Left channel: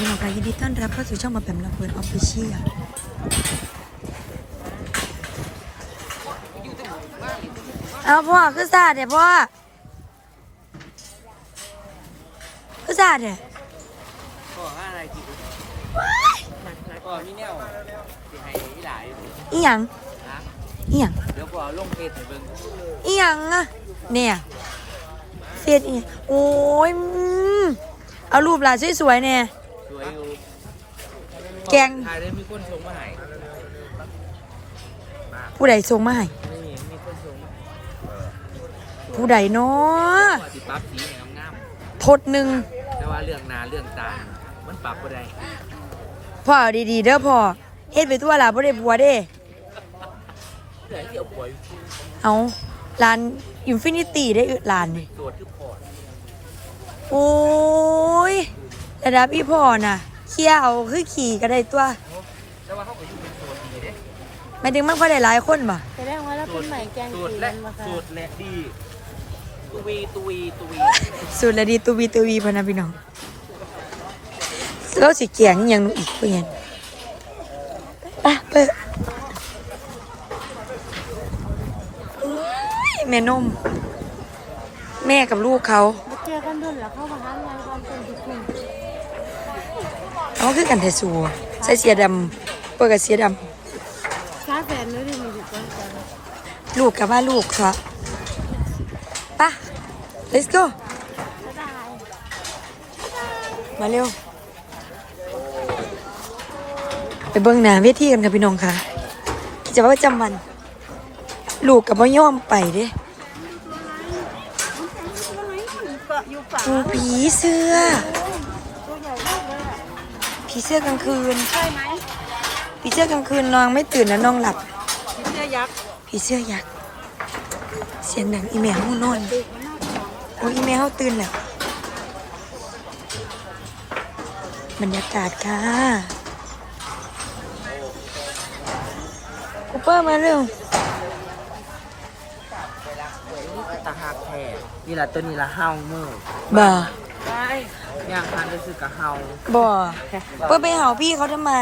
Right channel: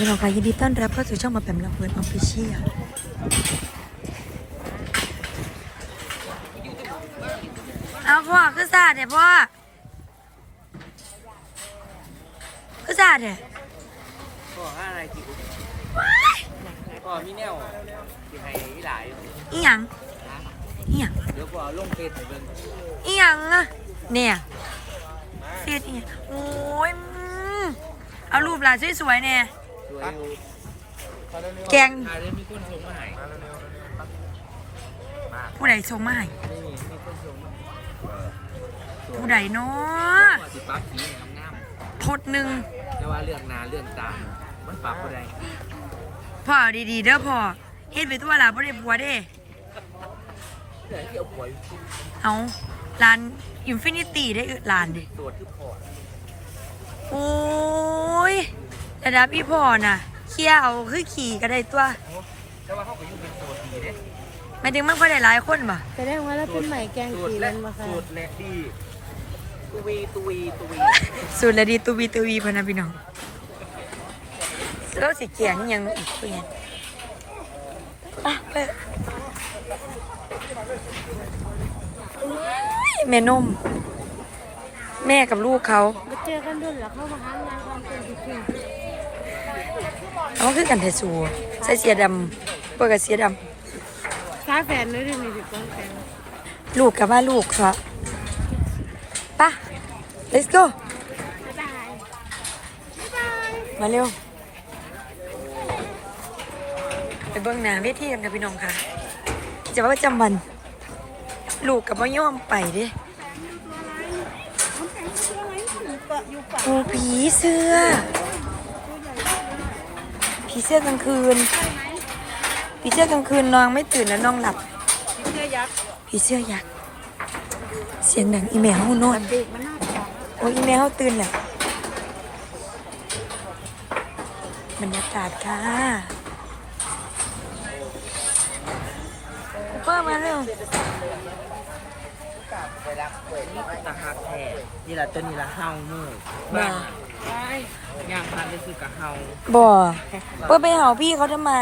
พี่น้องค่ะยินดีต้อนรับเข้าสู่ช่องมาแปมลำเพลินออฟฟิเชียลเอาพ่อคือซาดเนี่ยพ่อคือซาดเนี่ยก็อะไรกินก็มีแนวที่ให้อีหลายอยู่อีหยังนะอีหยังเดี๋ยวก็เอาลงเฟซให้เบิ่งอีหยังอะเนี่ยเฟียดอีโอ้ยอืมเอารูปหลานสวยๆเนี่ยส วยอยู่แกงถ่ายได้มีคนส่งมาให้มากผู้ใดส่งมาให้นี่มีคนส่งมาให้ผู้ใดเนาะว่าสิปรับสีให้งามทดหนึ่งๆแต่ว่าเรื่องหน้าเรื่องตามันปรับบ่ได้พ่อเอาดีๆเด้อพ่อเฮ็ดไปทั่วล่ะบ่ได้บัวเด้เดี๋ยวที่เอาป่วยเอาร้านอินฟินิตี้ได้อร้านนี่ตรวจคือพอดโอ้ย ระดับพี่พ่อน่ะเคี่ยวคือขี่ก็ได้ตัวแต่ว่าเขาก็อยู่เป็นตัวดีเด้หมายถึงมันก็ได้หลายคนบ่แสดงว่าเราเป็นใหม่แกงตรวจขีและนมาค่ะตรวจและดีตุวีตุวีตุวีสุดละดีตูวีตูวีพะนะพี่น้องแล้วสิเกียงอหยังหนูอีกเพื่อนอะเปิดโอ้ยแม่นม แม่กับลูกเขามาเจอกันด้วยเหรอเข้ามาหางานความเป็นทุกคน เอาคือกันเทสูใส่เสียดำเปิดกับเสียดซาแฟนไม่ได้มีสิก้อนแกงำลูกกับว่าลูกซะไปะ let's go บ๊ายบาย มาเร็ว ไปเบิ่งหน้าเวทีกันค่ะพี่น้องค่ะกิจะว่าประจำวัน ลูกกับว่ย่อมไปเด้โอ้ผีเสื้อ ผีเสื้อกลางคืนผีเสื้อกลางคืนน้องไม่ตื่นแล้วน้องหลับผีเสื้อยักษ์เสียงดังอีแมวนอนโอ้ยอีแมวตื่นแล้วบรรยากาศค่ะกูเปอร์มาเร็วตาหักแท้นี่ละตัวนี้ละเฮาเมื่อยบ่ ย่างทานรู้สึกกับเฮาบ่เปิ้ลไปเห่าพี่เขาทำไม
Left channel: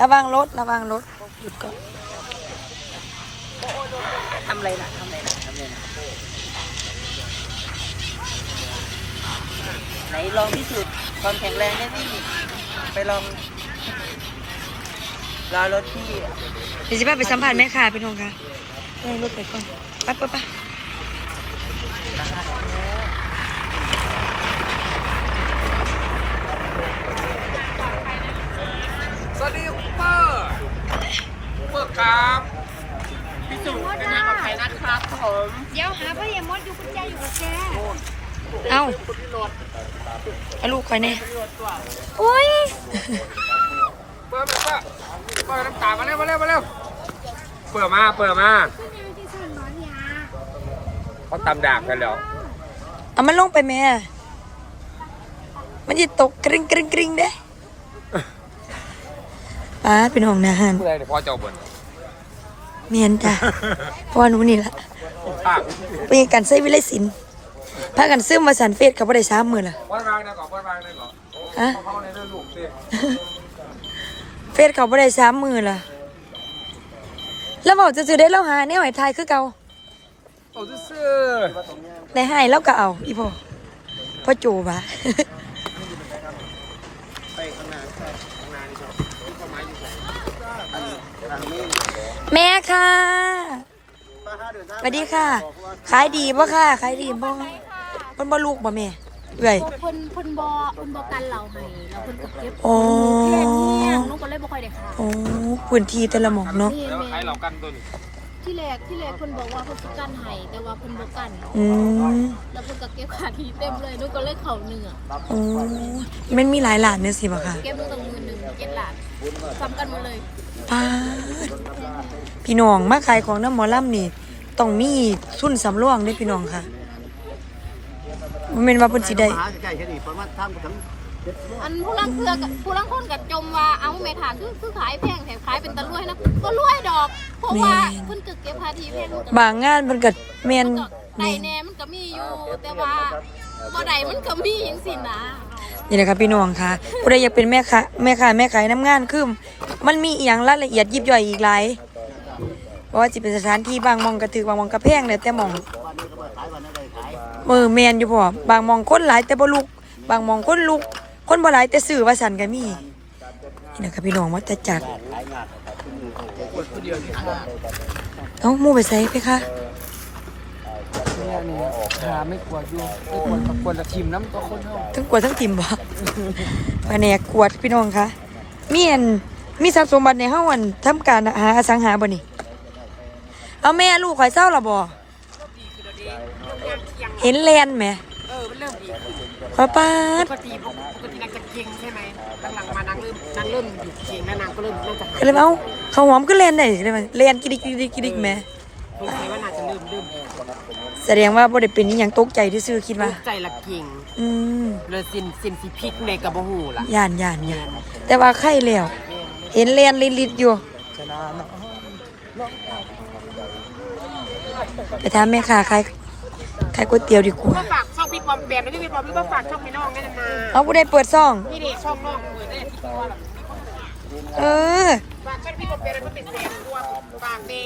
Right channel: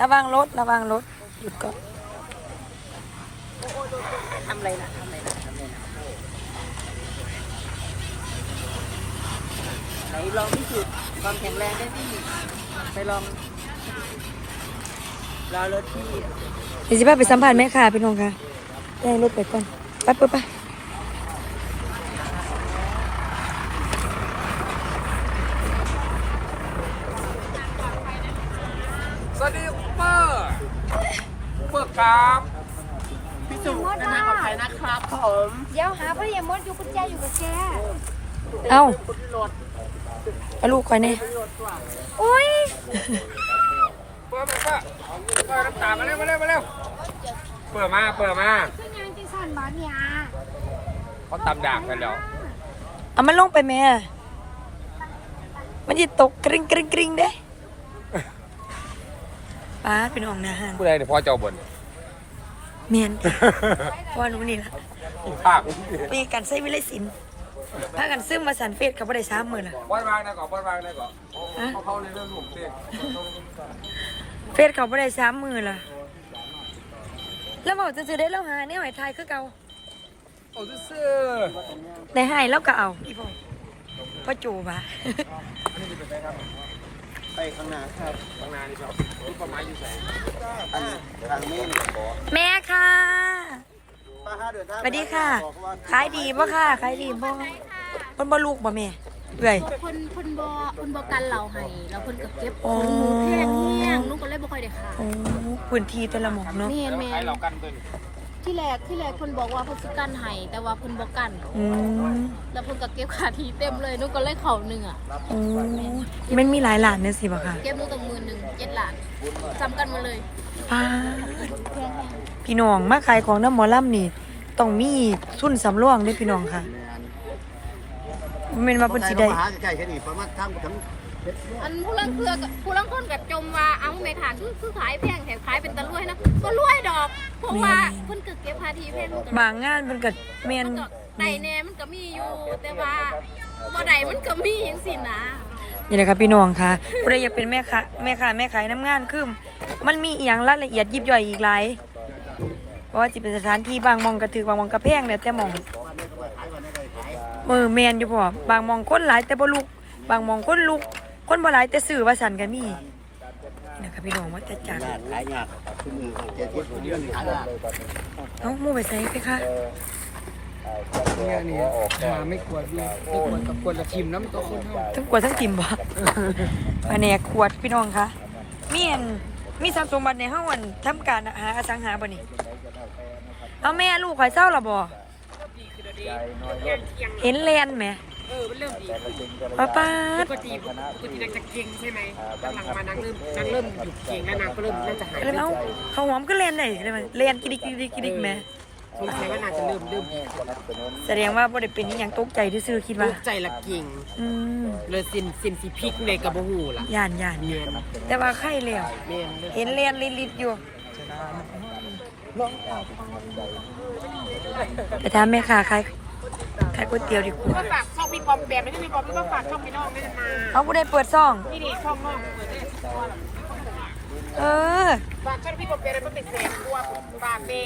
ระวังรถระวังรถหยุดก่อนทำอะไรนะทำอะไรนะทำอะไรนะไหนลองพิสูจน์ความแข็งแรงได้ที่ไปลองรอรถพี่เดี๋ยวจะพาไปสัมผัสแม่ค่ะพี่น้องค่ะเออรถไปก่อนไปเปิ้ลไปสวัสดีคุณเปอร์เปอร์ครับ พิสูจน์ได้มากับใครนะครับผมเดี๋ยวหาพ่อใหญ่มดอยู่กุญแจอยู่กับแกเอ้าคนที่รถเอาลูกก่อนเนี่ยที่รถตัวอุ้ยเปิดเปิดเปิดน้ำตามาเร็วมาเร็วมาเร็วเปิดมาเปิดมาคืองานที่สั่นบ้านเนี่ยเขาตำดาบกันแล้วเอามันลงไปแม่ มันจะตกกริ๊งกริ๊งกริ๊งเด้ป้าเป็นห้องนาหารผู้ใดเนี่ยพ่อเจ้าบน เมียนจ้ะเพราะว่าหนูนี่แหละภาคไปกันใช้วิไลศิลป์พากันซื้อมาสันเฟสกับบ่ได้สามมือละวัดวางนะก่อนวัดวางนะก่อนฮะเขาเข้าในเรื่องลูกสิเฟสเขาบ่ได้สามมือละแล้วบอกจะซื้อได้แล้วหาแนวไหไทยคือเก่าโอ้ซื่อได้ให้แล้วก็เอาอีพ่อพ่อโจวะ แม่ค่ะสวัสดีค่ะ ขายดีป่ะค่ะ ขายดีบ่มันบ่ลูกบ่แม่เอ้ยคนคนบอคนบอกันเราให้เราคนกับเก็บอ๋อแค่นี้นุ๊กก็เลยบ่ค่อยได้ค่ะโอ้พื้นที่แต่ละหมองเนาะ เมียนๆแมให้นเรากันตัวนี้ที่แรกที่แรกคนบอกว่าเขาสิกันให้แต่ว่าคนบอกกันอืมแล้วคนก็เก็บขาทีเต็มเลยนุ๊กก็เลยเข่าหนึ่งอะโอ้มันมีหลายหลานเนี่ยสิบ่ค่ะเก็บนุ๊กตั้งมือหนึ่งเจ็ดหลานจำกันหมาเลยป้าดพี่น้องมาขายของน้ำหมอลำนี่ต้องมีทุนสำรองเด้อพี่น้องค่ะบ่แม่นว่าเพิ่นสิได้ หาใกล้ๆแค่นี้ประมาณทางถึงเจ็ดร้ อยอันผู้ลังเพื่อกับผู้ลังคนกับจมว่าเอาเมถานคือคือขายแพงแถมขายเป็นตะลุ่ยนะก็รวยดอก เพราะว่าเพิ่นก็เก็บภาษีแพงลูกบางงานมันก็แม่นมันก็ไดแน่มันก็มีอยู่ แต่ว่าบ่ไดมันก็มีจังซี่นะแนี่แหละครับพี่น้องค่ะผู้ใดอยากเป็นแม่ค้าแม่ค้าแม่ขายน้ำงานคือมันมีอหย่างรายละเอียดยิบย่อยอีกหลายเพราะว่าจะเป็นสถานที่บางหมองกระถือบางหมองกระแพงแล้วแต่หมองวันนี้ก็ไปขายวันนี้ก็ไปขายเออแมนอยู่พ่อบางหมองคนหลายแต่บ่ลุก บางหมองคนลุก คนบ่หลายแต่สื่อว่าสันก็มีนี่นะครับพี่น้องมาจะจัดเอ้าหมู่ไปใส่ไปคะเนี่ยนี่หาไม่กวดอยู่ไม่กวดกับกวดละทีมน้ำตัวคนเท่าทั้งกวดทั้งติ่มบ่แผนกขวดพี่น้องคะมีอันมีทรัพย์สมบัติในห้องอันทำการหาอสังหาบ่นี่เอาแม่ลูกข่อยเศร้าละบ่เห็นแลนไหมเออมันเริ่มดีขึ้นป้าป้าปดกติปก ตินางจะเก่งใช่ไหมหลังๆมานางเริ่มนางเริ่มหยุดเก่งแล้วนางก็เริ่มน่าจะหายเลยว่าเอ้าเขาหอมก็แลนได้อีกเลยมันแลนกิดิกกิดิกกิดิกแหม่สงสัยว่านางจะเริ่มเริ่มดีแล้วแสดงว่าบ่ได้เป็นอหยังตกใจที่ซื้อคิดว่ากใจละเก่งอืมเลยสินสินสีพริกในกระบหูล่ะย่านย่านเนีย่ายนแต่ว่าไข่แล้วเนียนเห็นลนลิดๆอยู่ไปถามแม่ค้าขายขายก๋วยเตี๋ยวดีกว่า ปอมแปมไม่ได้พี่ปอมพี่ปอมฝากช่องพี่น้องได้นะเอาผู้ใดเปิดซ่องนี่นี่ช่องน้องเปิดได้ตัวหรอเออฝากช่องพี่ปอมแปมแล้วก็เป็นแฟนตัวฝากเด้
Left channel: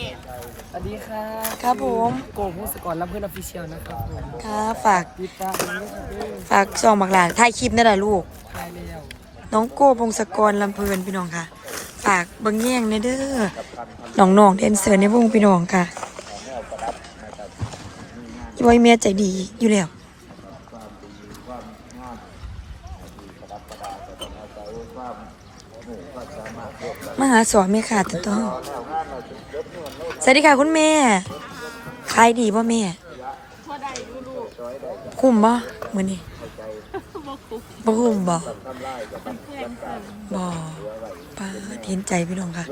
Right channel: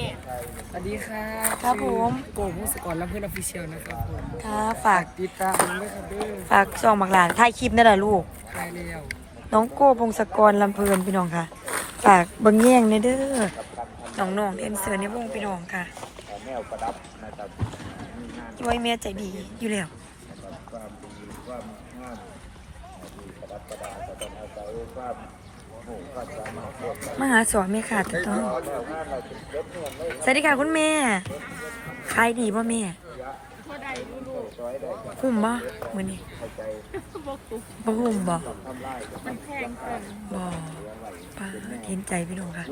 สวัสดีค่ะครับผม โกงพงศกรรับเพื่อนออฟฟิเชียลนะครับผมครับฝาก ติดตามด้วยครับเด้อฝากซองบักหลานถ่ายคลิปนั่นแหละลูกได้แล้วน้องโก้พงศกรลำเพลินพี่น้องค่ะ ฝากเบิ่งแย่งในเด้อน้องๆเดนเซอร์ในวงพี่น้องค่ะช่วยเมียใจดีอยู่แล้ว มาหาสอนแม่ค่ะถูกต้องสวัสดีค่ะคุณแม่ขายดีป่ะแม่คุ้มบ่มื้อนี้บ่คุ้มบ่บ่ป้าเห็นใจพี่น้องค่ะ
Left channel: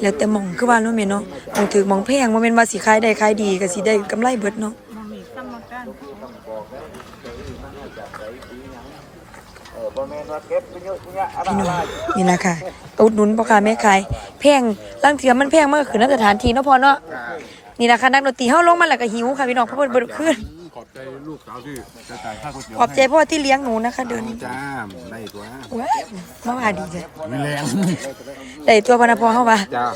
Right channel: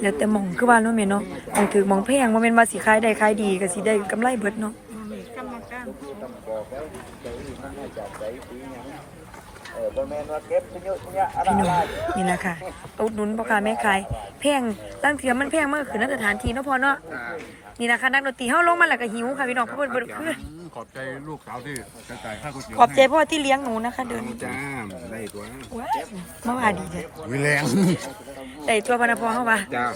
แล้วแต่หมองคือว่าเนาะแม่เนาะหมองถือหมองแพงบ่แม่นว่าสิขายได้ขายดีก็สิได้กำไรเบิดเนาะ พี่น้องนี่ล่ะค่ะอุดหนุนพ่อค้าแม่ขายแพงลางเทื่อมันแพงมากคือณสถานที่เนาะพอเนาะนี่ล่ะค่ะนักดนตรีเฮาลงมาแล้วก็หิวค่ะพี่น้องเพราะเพิ่นบ่ได้ขึ้นขอบใจลูกสาวที่จะจ่ายค่าก๋วยเตี๋ยวขอบใจพ่อที่เลี้ยงหนูนะคะ เดินจ้าได้ตัวว้ายมาว่าดีจ้ะวิแรงได้ตัวพนักพอเข้ามาจ้า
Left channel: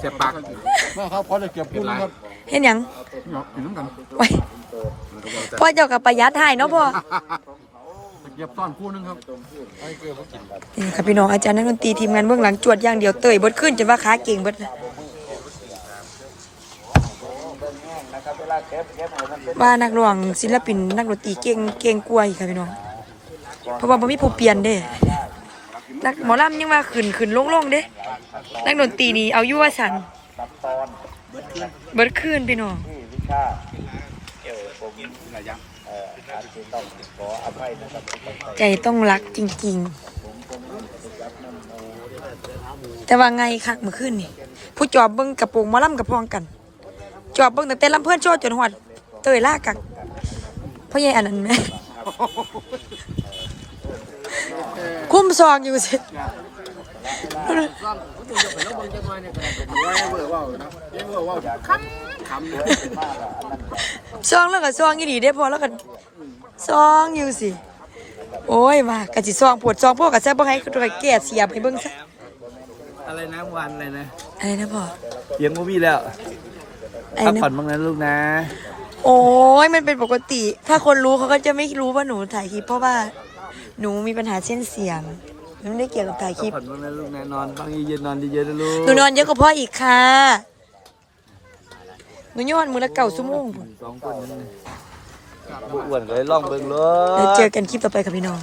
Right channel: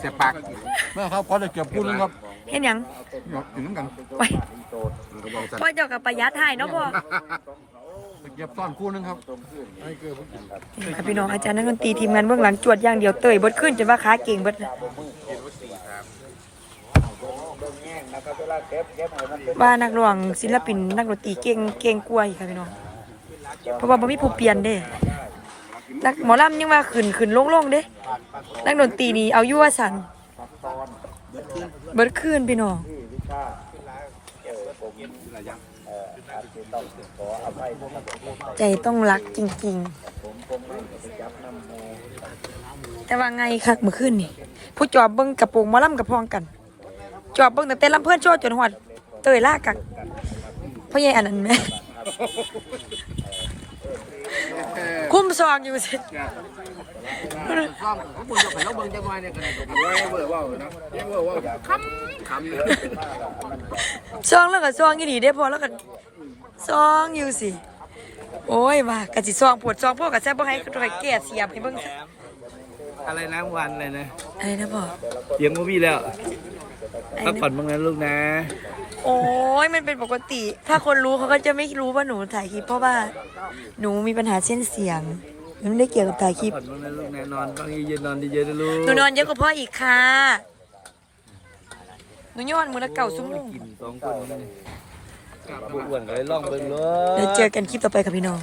เจ็บปากแม่ครับพอได้เก็บพูดนะครับเห็นหยังเห็นน้ำกันไว้พ่อเจ้ากับประหยัดให้เนาะพ่อ จะเก็บต้อนคู่นึงครับนี่ค่ะพี่น้องอาจารย์นักดนตรีทีมงานเบื้องหลังจวดอย่างเดียวเตยเบดขึ้นจนว่าขาเก่งเบดว่านักร้องศิลปินนักดนตรีเก่งเก่งกว่าอีกค่ะพี่น้องเพราะว่าบ่มีผู้เปลี่ยนเด้นักหมอลำยังว่าขึ้นขึ้นลงลงเด้นักดนตรีนี่เอายู่วสันเบิดขึ้นพี่น้อง ใจต้องรักจริง ๆ แต่ว่าไงคักเมื่อคืนนี่ ผู้จอบเบิ้งกระโปรงมอลำกับพองกัน จอบเบิ้งตั้งแต่ลำเพื่อนโชว์จนหอดเตยล่ากักพ่อใหญ่อันนั้นไหมคุ้มซองอยู่สิเวอร์ว่านะเวอร์ว่าคำคำเลยซองแล้วก็ซองอีดีได้พอแล้วก็ ซองอยู่สิ โอ้ยว่ากะสิซองปวดซองพวกกะแซ่บบ่ให้ตัวแก่เสียบให้เบิ่งซะอะไรนะวันอะไรนะอะไรนะพ่อเสียงก็มีแล้วไอ้พักนะผ่อนบ้างนะลูกนะ โอ้ยมันเป็นปกติ ถ้าคนรู้เขาก็จะไม่รู้ว่าหนูถ่ายคลิปเพราะว่าหนูมีปัญหาเส้นเสียงมันไม่ได้เกี่ยวกับถ่ายคลิปผ่อนบ้างนะลูกนะนอนบ้างเย็นๆนอนเยอะๆนะลูกหนูนอนเยอะกว่าพ่ออีกค่ะหนูย้อนมือละเก่าชั่วโมงสองคนนี่ อ้วนเลยล่องเบิ่งเลยแล้วเจอกันคลิปต่อไปค่ะพี่น้อง